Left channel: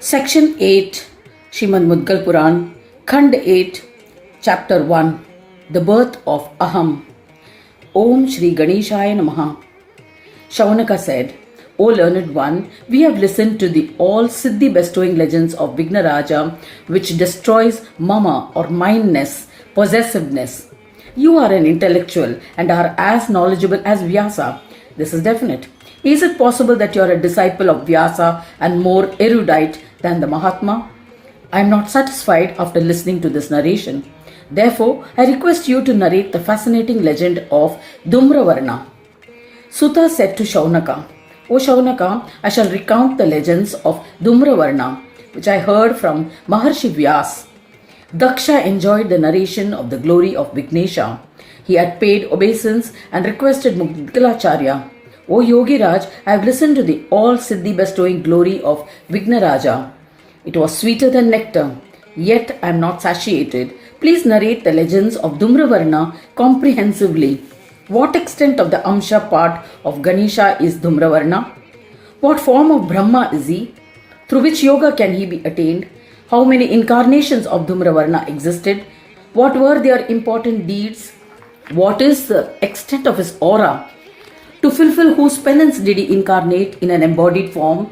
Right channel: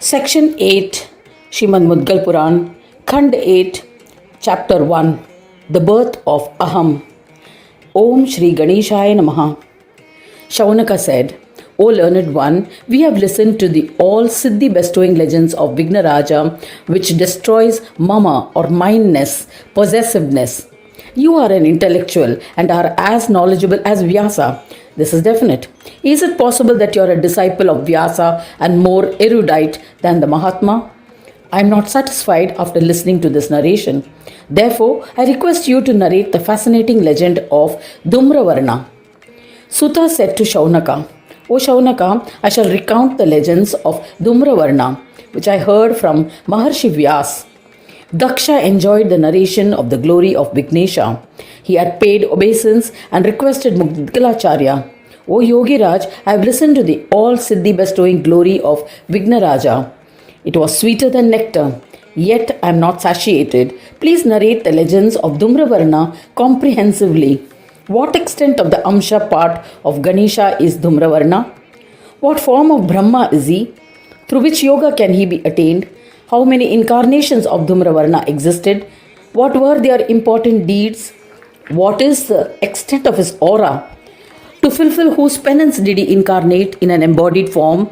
Section 8, Srimad Mudgal Puran, Khand 8, Chapter 1, The Birth of Aham. Om Shri Ganeshaya Namaha. Shaunaka said, O learned one, we have listened to the all Siddhi bestowing legends of Vignaraja, which destroys mama or mindness, possessiveness. You are an intellectual and are as knowledgeable as Vyasa. This is definite. Is it possible that you are a disciple of Vyasa and more erudite than the Mahatma? I am not satisfied after listening to this narration. Therefore, I request you to narrate the fascinating legend of Dhumravarna. Sutta said to Shaunaka, O Shaunaka, I shall recount the legends of Dhumravarna, which I heard from Maharshi Vyas. Daksha enjoyed the narration of the glory of Ganesha. He had paid obeisance and requested Mudgalacharya, O Yogi Raj, I have listened to the all Siddhi bestowing glory of Vignaraja. It was sweeter than nectar, yet I am not satiated. Please narrate the legends of Dhumravarna comprehensively. What extent of the Amsha part of Ganesha is Dhumravarna? What form of Brahma is he? Through which yoga can he be attained? How many incarnations of Dhumravarna existed? What were their important deeds? What is the extent of his aura? To fulfill whose penance did he incarnate in an embodied form?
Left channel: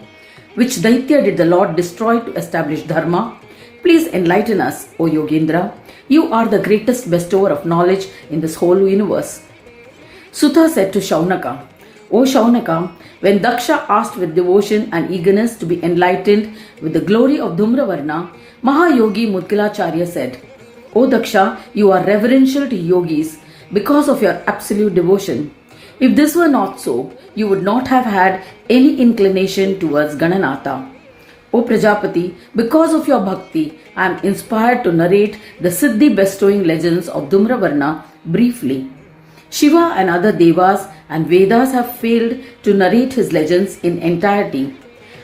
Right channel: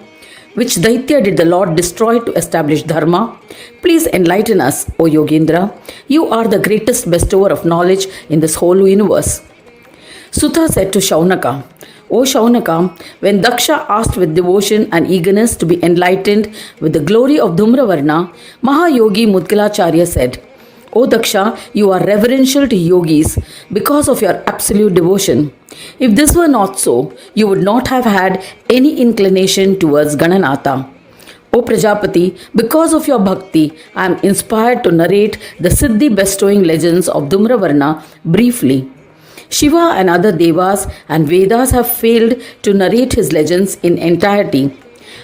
Which Daitya did the Lord destroy to establish Dharma? Please enlighten us, O Yogendra. You are the greatest bestower of knowledge in this whole universe. Sutta said to Shaunaka, O Shaunaka, when Daksha asked with devotion and eagerness to be enlightened with the glory of Dhumravarna, Mahayogi Mudgalacharya said, O Daksha, you are reverential to yogis because of your absolute devotion. If this were not so, you would not have had any inclination towards Gananatha. O Prajapati, because of your bhakti, I am inspired to narrate the Siddhi bestowing legends of Dhumravarna briefly. Shiva and other devas and Vedas have failed to narrate his legends in entirety.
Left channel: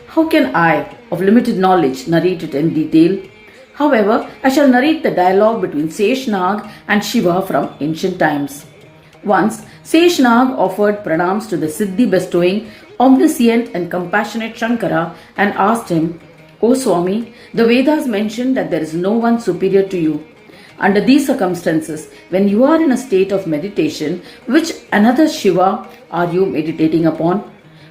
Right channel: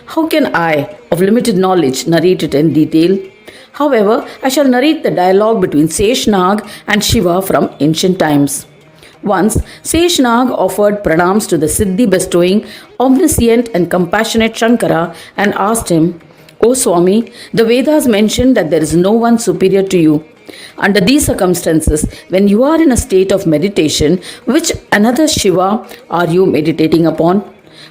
How can I, of limited knowledge, narrate it in detail? However, I shall narrate the dialogue between Seshnag and Shiva from ancient times. Once, Seshnag offered pranams to the Siddhi bestowing, omniscient and compassionate Shankara and asked him, O Swami, the Vedas mention that there is no one superior to you. Under these circumstances, when you are in a state of meditation, which another Shiva are you meditating upon?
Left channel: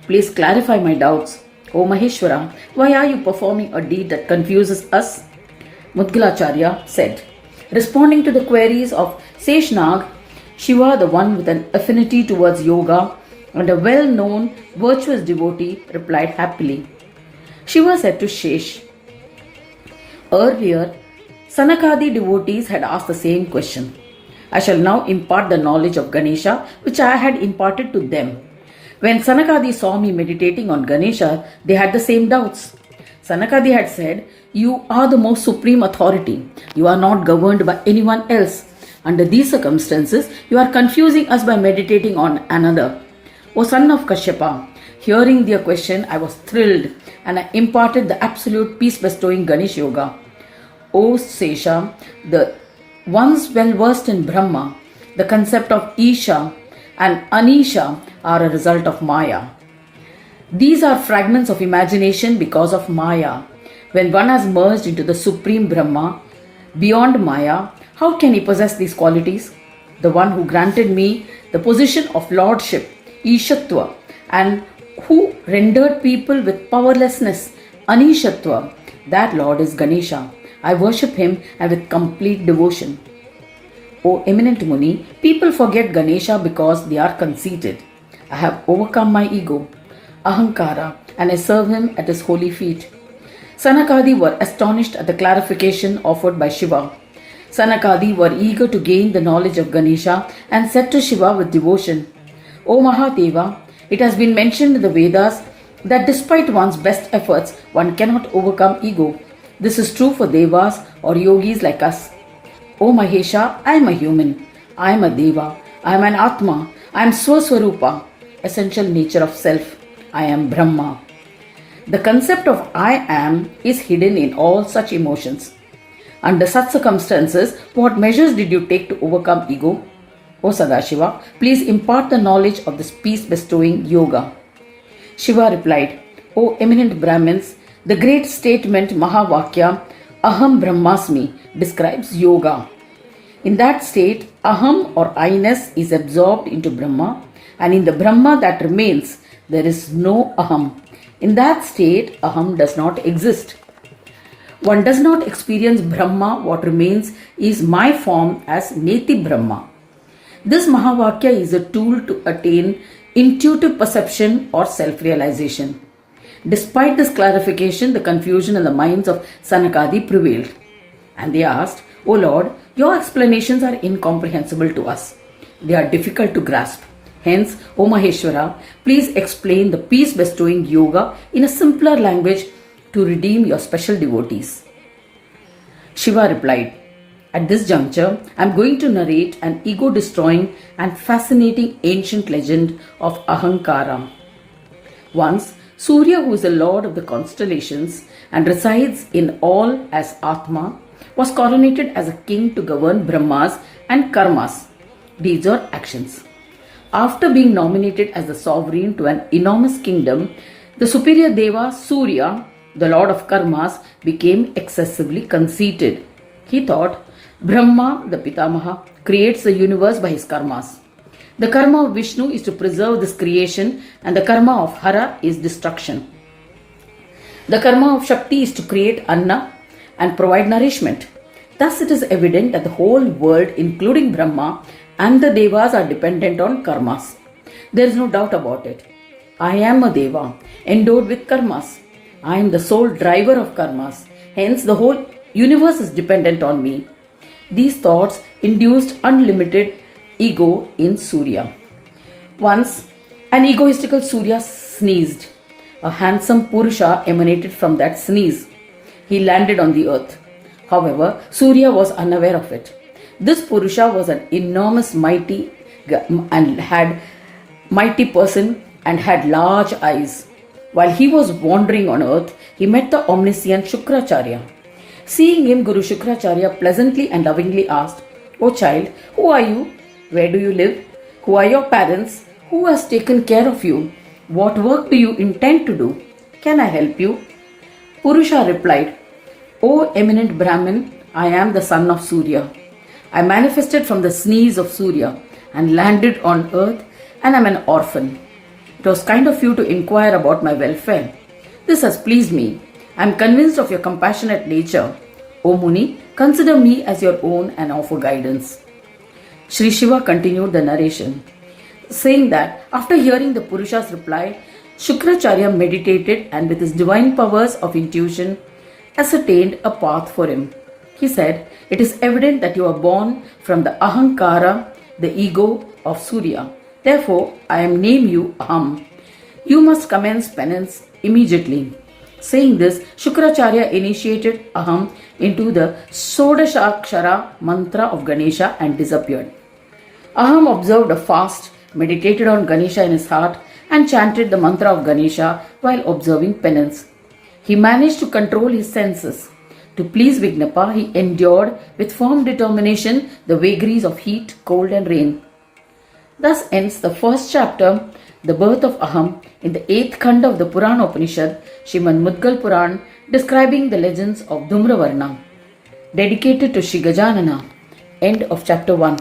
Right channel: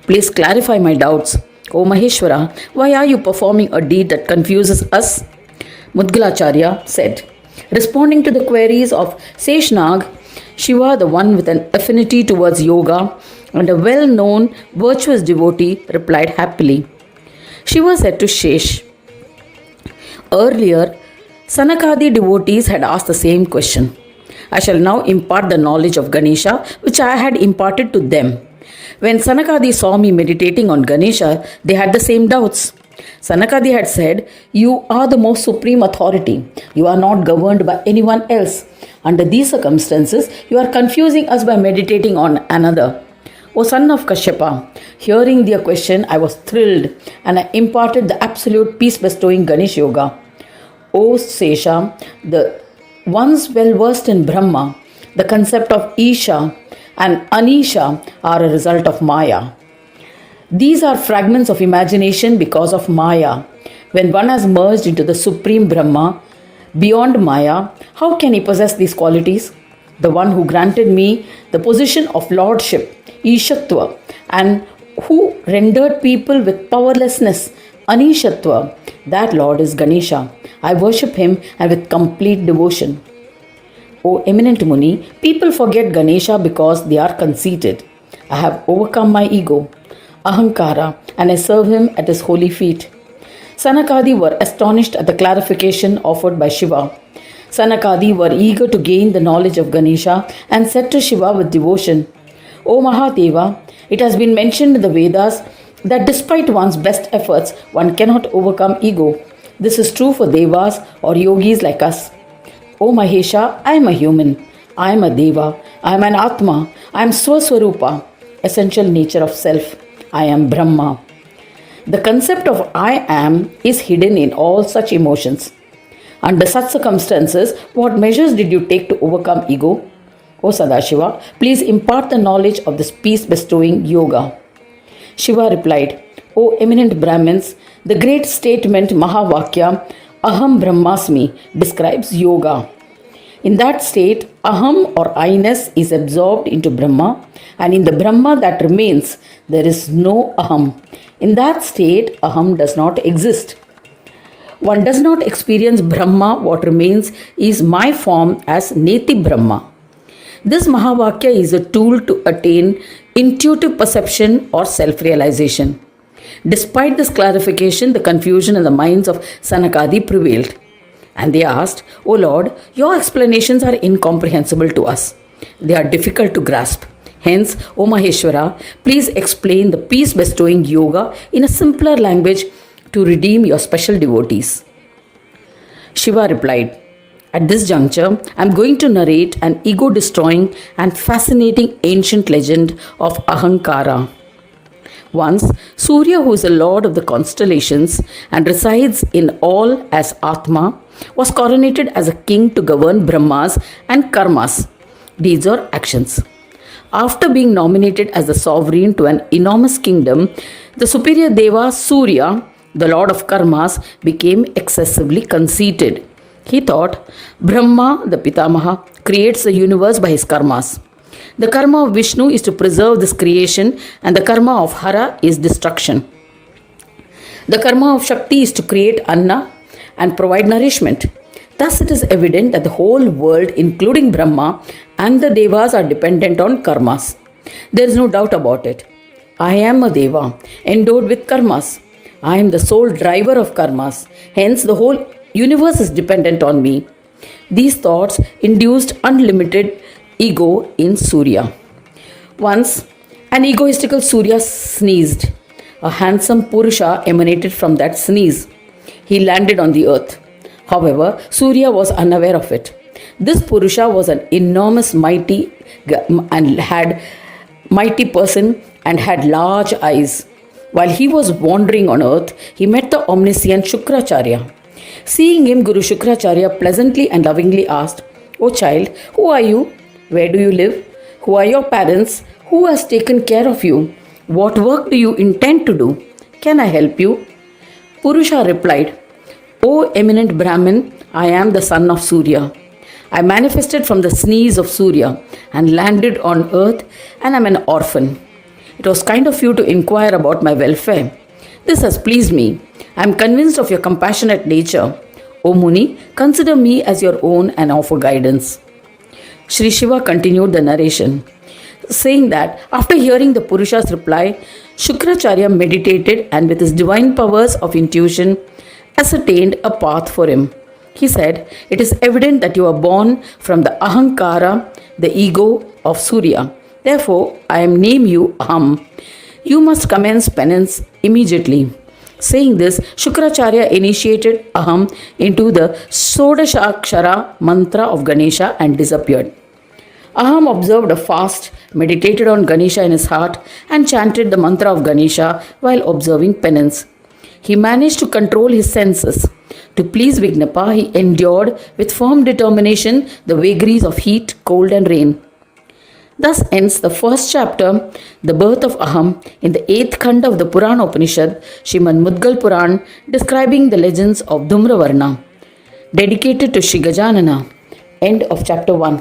Please clarify my doubts. O Maheshwara, why are you performing a deed that confuses us? Mudgalacharya said, responding to the queries of Seshnag, Shiva, the one with an affinity towards yoga and a well-known virtuous devotee, replied happily. Shiva said to Shesh, earlier, Sanakadi devotees had asked the same question. I shall now impart the knowledge of Ganesha which I had imparted to them. When Sanakadi saw me meditating on Ganesha, they had the same doubts. Sanakadi had said, you are the most supreme authority. You are not governed by anyone else. Under these circumstances, you are confusing us by meditating on another. O son of Kashyapa, hearing their question, I was thrilled and I imparted the absolute peace-bestowing Ganesh Yoga. O Sesha, the ones well versed in Brahma, the concept of Isha and Anisha are a result of Maya. These are fragments of imagination because of Maya. When one has merged into the supreme Brahma, beyond Maya, how can he possess these qualities? The one who granted me the position of lordship, Ishatva, and who rendered people with powerlessness, Anishatva, that Lord is Ganesha. I worship him and with complete devotion. O eminent Muni, people forget Ganesha because they are conceited. I have overcome my ego, Ahankara, and I serve him at his holy feet. Sanakadi were astonished at the clarification offered by Shiva. Sanakadi were eager to gain the knowledge of Ganesha and said to Shiva with devotion, O Mahadeva, it has been mentioned in the Vedas that despite one's best efforts, one cannot overcome ego. This is true for devas or yogis like us. O Mahesha, I am a human. I am a deva. I am an Atma. I am Swaswarupa, essential nature of self. I am Brahma. The concept of I am is hidden in all such emotions. Under such circumstances, what measures did you take to overcome ego? O Sadashiva, please impart the knowledge of this peace-bestowing yoga. Shiva replied, O eminent Brahmins, the great statement Mahavakya, Aham Brahmasmi, describes yoga. In that state, Aham or I-ness is absorbed into Brahma, and in the Brahma that remains, there is no Aham. In that state, Aham does not exist. One does not experience Brahma. What remains is my form as Neti Brahma. This Mahavakya is a tool to attain intuitive perception or self-realization. Despite this clarification, the confusion in the minds of Sanakadi prevailed. And they asked, O Lord, your explanations are incomprehensible to us. They are difficult to grasp. Hence, O Maheshwara, please explain the peace-bestowing yoga in a simpler language to redeem your special devotees. Shiva replied, At this juncture, I am going to narrate an ego-destroying and fascinating ancient legend of Ahankara. Once, Surya, who is the lord of the constellations and resides in all as Atma, was coronated as a king to govern Brahmas and Karmas, deeds or actions. After being nominated as the sovereign to an enormous kingdom, the superior Deva Surya, the lord of Karmas, became excessively conceited. He thought, Brahma, the Pitamaha, creates the universe by his karmas. The karma of Vishnu is to preserve this creation, and the karma of Hara is destruction. The karma of Shakti is to create Anna and provide nourishment. Thus it is evident that the whole world, including Brahma and the Devas, are dependent on karmas. There is no doubt about it. I am a Deva, endowed with karmas. I am the sole driver of karmas. Hence the whole universe is dependent on me. These thoughts induced unlimited ego in Surya. Once, an egoistical Surya sneezed. A handsome Purusha emanated from that sneeze. He landed on the earth. However, Surya was unaware of it. This Purusha was an enormous mighty person and had large eyes. While he was wandering on earth, he met the omniscient Shukracharya. Seeing him, Guru Shukracharya pleasantly and lovingly asked, O child, who are you? Where do you live? Who are your parents? Who has taken care of you? What work do you intend to do? Can I help you? Purusha replied, O eminent Brahmin, I am the son of Surya. I manifested from the sneeze of Surya and landed on earth, and am an orphan. It was kind of you to inquire about my welfare. This has pleased me. I am convinced of your compassionate nature. O Muni, consider me as your own and offer guidance. Sri Shiva continued the narration, saying that after hearing the Purusha's reply, Shukracharya meditated and with his divine powers of intuition ascertained a path for him. He said, It is evident that you are born from the Ahankara, the ego of Surya. Therefore, I name you Aham. You must commence penance immediately. Saying this, Shukracharya initiated Aham into the Sodashakshara mantra of Ganesha and disappeared. Aham observed a fast, meditated on Ganesha in his heart, and chanted the mantra of Ganesha while observing penance. He managed to control his senses. To please Vignapa, he endured with firm determination the vagaries of heat, cold, and rain. Thus ends the first chapter, The Birth of Aham, in the 8th Khanda of the Purana Upanishad, Srimad Mudgal Puran, describing the legends of Dhumravarna. Dedicated to Shri Gajanana. End of chapter 1.